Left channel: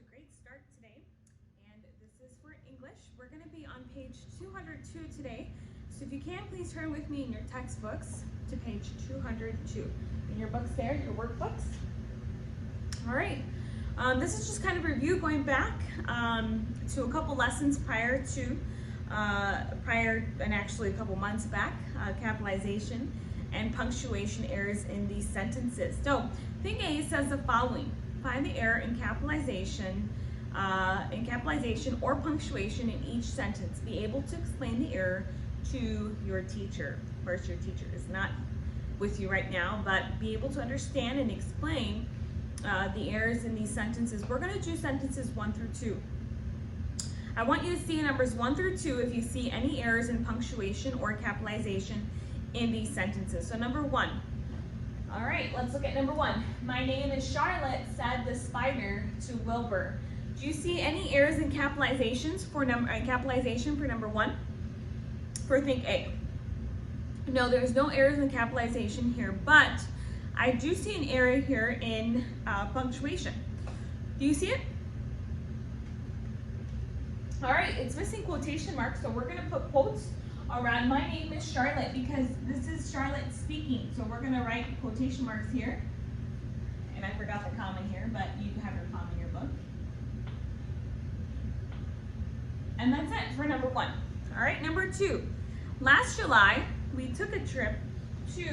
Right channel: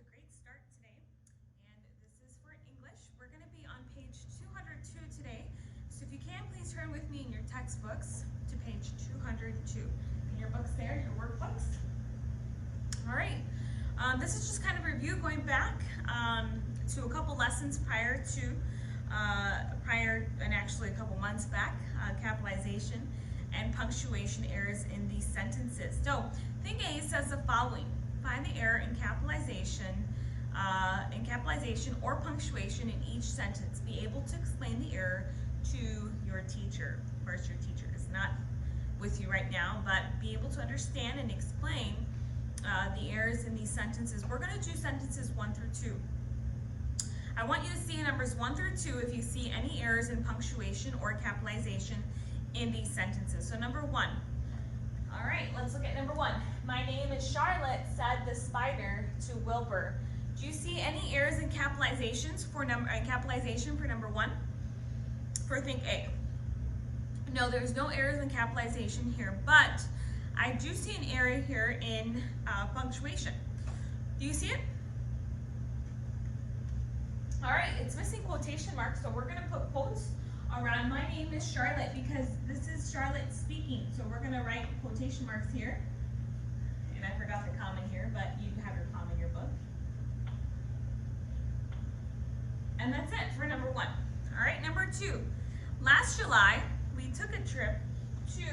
a great start today, and this is for English. We're going to be on page 202 today, so if you can, please turn with me in your textbooks to page 202. In your books there, your workbooks. All right, this is just kind of a review going back to a couple lessons prior and actually a couple months back, capitalization and punctuation errors in these sentences. So, thing A says the following. Find the error in capitalization or punctuation in each sentence. Be able to explain the error to your teacher. Of course, your teacher is not with you right now, but be able to understand and explain the errors in these sentences. We're going to do sentences 1 through 2. I want you to see in numbers 1 through 2 if you see any errors in punctuation or capitalization in these sentences. So number 1. All right, let's look at number 1. My name is Charlotte, said the spider to Wilbur. Do you see any errors in capitalizations for capitalization for number 1? For think A. No, there's no errors in capitalization here, but I do see an error here in punctuation. Do you see it? All right, it's missing quotation marks, so we're going to put quotes around my name is Charlotte because this is Charlotte speaking. So we're going to write quotation marks here. And I forgot the comma here, but you have your comma in your book. And that's it for number 1. All right, number 2. Last July, we took a trip to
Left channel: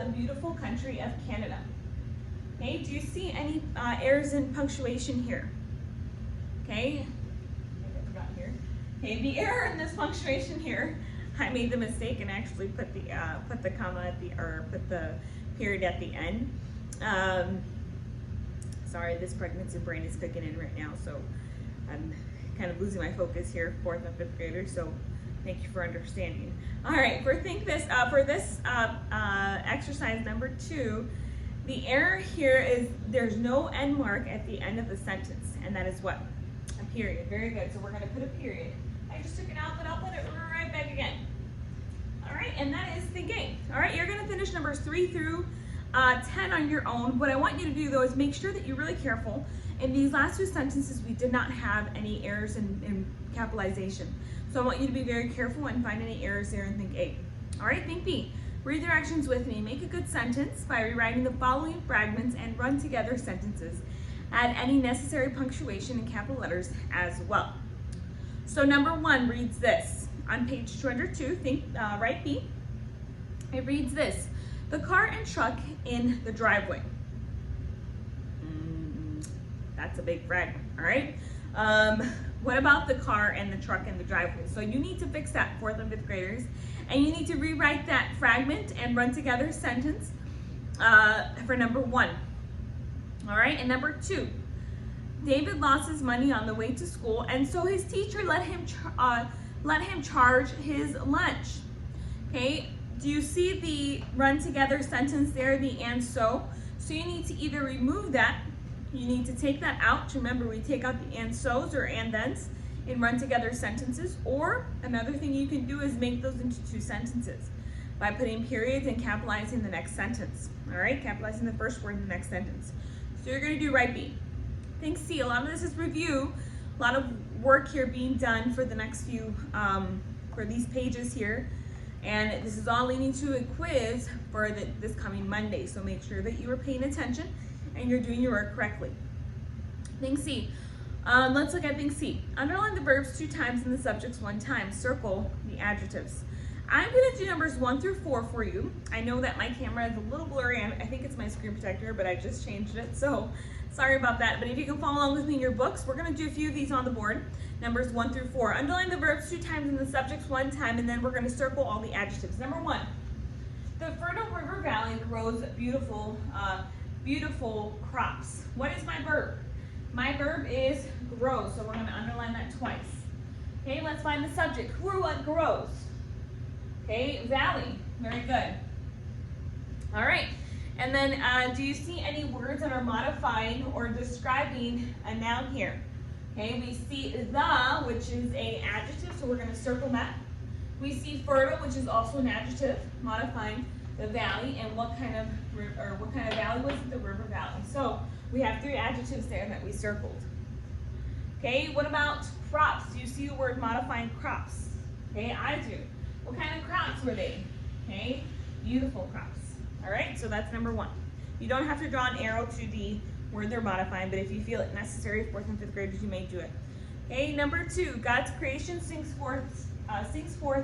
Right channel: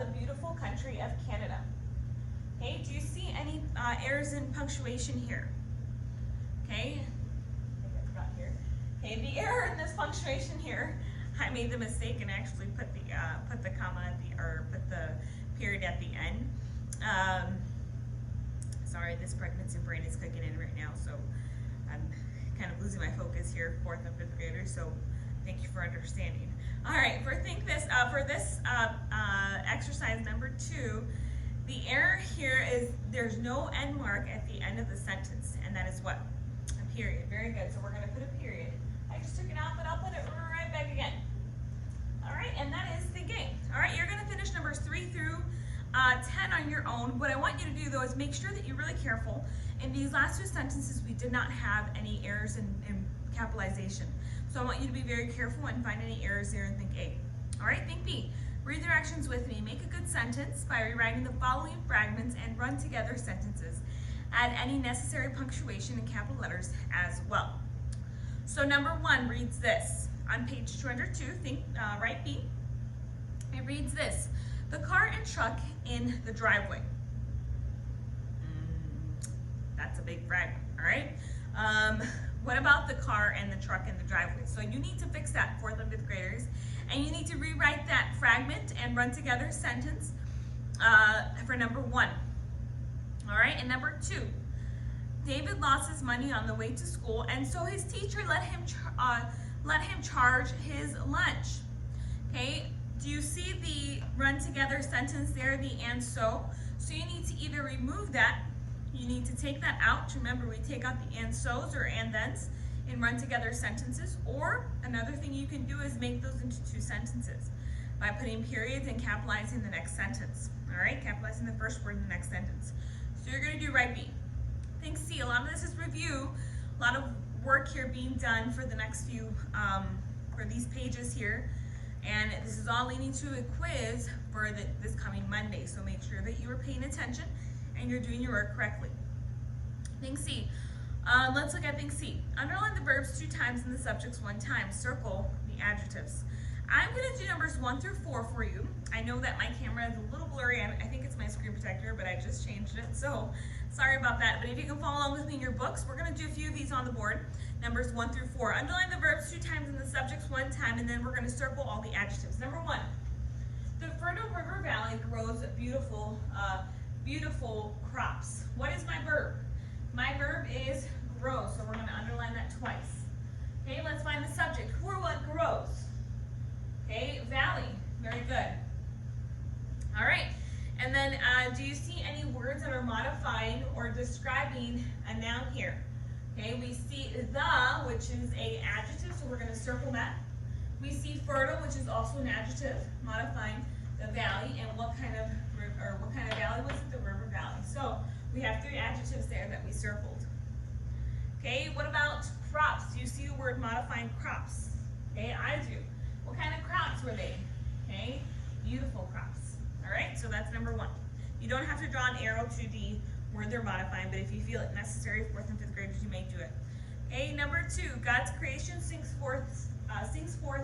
the beautiful country of Canada. Okay, do you see any errors in punctuation here? Okay, I think I forgot here. Okay, the error in this punctuation here, I made the mistake and actually put the comma at put the period at the end. Sorry, this pregnancy brain is kicking in right now, so I'm kind of losing my focus here, 4th and 5th graders. So thank you for understanding. All right, for this exercise number 2, the error here is there's no end mark at the end of the sentence, and that is what? A period. Very good. So we're going to put a period. I just took it out, but I'll put it right back again. All right, and that is think A. All right, you're going to finish numbers 3 through 10 on your own. What I want you to do, though, is make sure that you're really careful. In these last 2 sentences, we did not have any errors in capitalization. So I want you to be very careful and find any errors there in think A. All right, think B. Read directions with me. Make a good sentence by rewriting the following fragments and run together sentences. Add any necessary punctuation in capital letters as well. So number 1 reads this. On page 202, write B. It reads this. The car and truck in the driveway. That's a big fragment, all right? What about the car and the truck in the driveway? So you need to fix that, 4th and 5th graders, and you need to rewrite that fragment and run together a sentence for number 1. All right, and number 2. David lost his money on the way to school, and so his teacher let him charge his lunch. Okay, do you see the run together sentence there, the and so? So you need to either remove that, you need to take that out. Remember, we take out the and so's or and thens in run together sentences, or another thing you can do is make those into 2 sentences by putting periods and capitalizing the next sentence. All right, capitalizing the first word in the next sentence. So you're going to do right B. Think C. A lot of this is review. A lot of work here being done for the next few, for these pages here. And this is all leading to a quiz for this coming Monday. So make sure that you are paying attention and you're doing your work correctly. Think C. Let's look at think C. Underline the verbs 2 times and the subjects 1 time. Circle the adjectives. I'm going to do numbers 1 through 4 for you. I know that my camera is a little blurry. I think it's my screen protector, but I just changed it. So sorry about that. But if you can follow along with me in your books, we're going to do a few of these on the board. Numbers 1 through 4. Underline the verbs 2 times and the subjects 1 time, and then we're going to circle all the adjectives. Number 1. The fertile river valley grows beautiful crops. What is my verb? My verb is grow, so we're going to underline that twice. Okay, let's find the subject. Who or what grows? Okay, valley. Very good. All right. And then do you see any words that are modifying or describing a noun here? Okay, we see the, which is a adjective, so we're going to circle that. We see fertile, which is also an adjective, modifying the valley, and what kind of valley was it? The river valley. So we have 3 adjectives there that we circled. Okay, what about crops? Do you see the word modifying crops? Okay, I do. What kind of crops were they? Okay, beautiful crops. All right, so that's number 1. You don't have to draw an arrow to the word they're modifying, but if you feel it necessary, 4th and 5th graders, you may do it. Okay, number 2, God's creation sings forth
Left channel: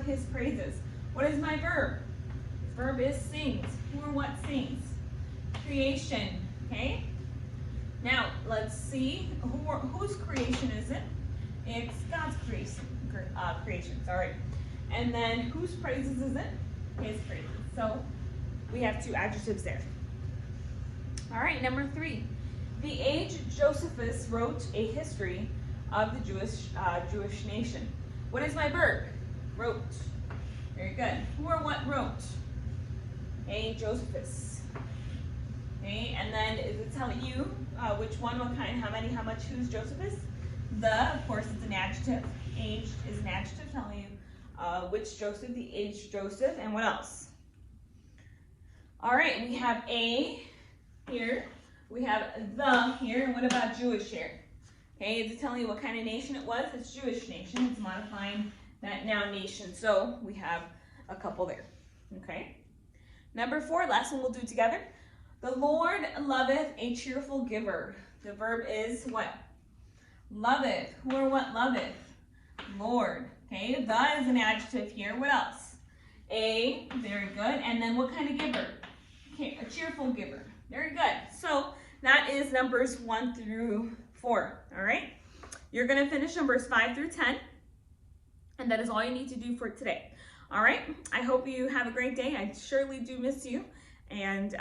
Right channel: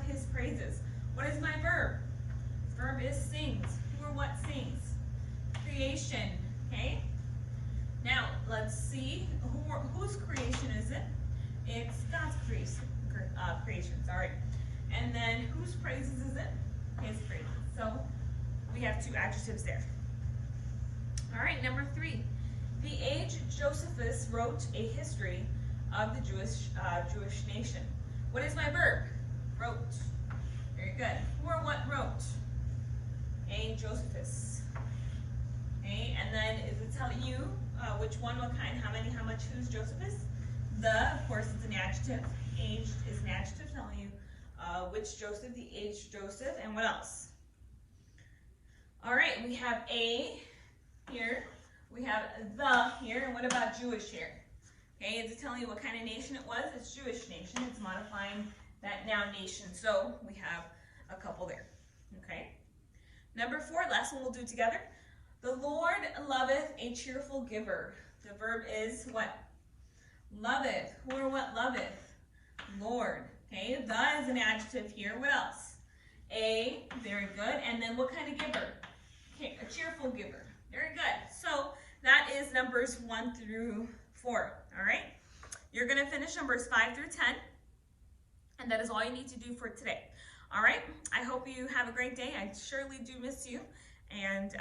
his praises. What is my verb? Verb is sings. Who or what sings? Creation, okay? Now, let's see, whose creation is it? It's God's creation, sorry. And then whose praises is it? His praises. So we have 2 adjectives there. All right, number 3. The aged Josephus wrote a history of the Jewish nation. What is my verb? Wrote. Very good. Who or what wrote? A Josephus. Okay, and then is it telling you which one, what kind, how many, how much, who's Josephus? Of course, it's an adjective. Aged is an adjective telling you which Joseph, the aged Joseph, and what else? All right, we have a here. We have the here, and what about Jewish here? Okay, is it telling you what kind of nation it was? It's Jewish nation. It's modifying that noun nation. So we have a couple there. Okay. Number 4, last one we'll do together. The Lord loveth a cheerful giver. The verb is what? Loveth. Who or what loveth? Lord. Okay, the is an adjective here. What else? A, very good. And then what kind of giver? Okay, a cheerful giver. Very good. So that is numbers 1 through 4. All right. You're going to finish numbers 5 through 10. And that is all you need to do for today. All right. I hope you have a great day. I surely do miss you. And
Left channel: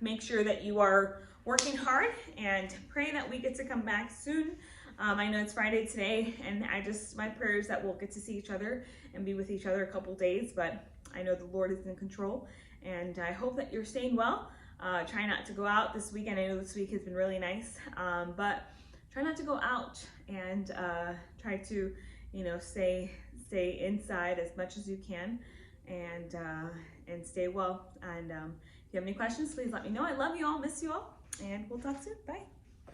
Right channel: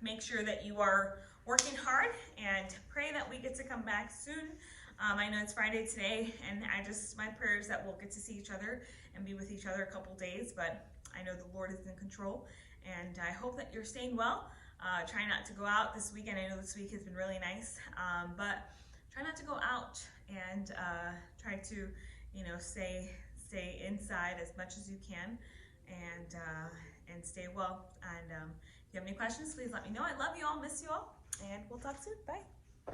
make sure that you are working hard and pray that we get to come back soon. I know it's Friday today, and my prayers that we'll get to see each other and be with each other a couple days, but I know the Lord is in control, and I hope that you're staying well. Try not to go out this weekend. I know this week has been really nice, but try not to go out, and try to, stay inside as much as you can, and stay well. And if you have any questions, please let me know. I love you all, miss you all, and we'll talk soon. Bye.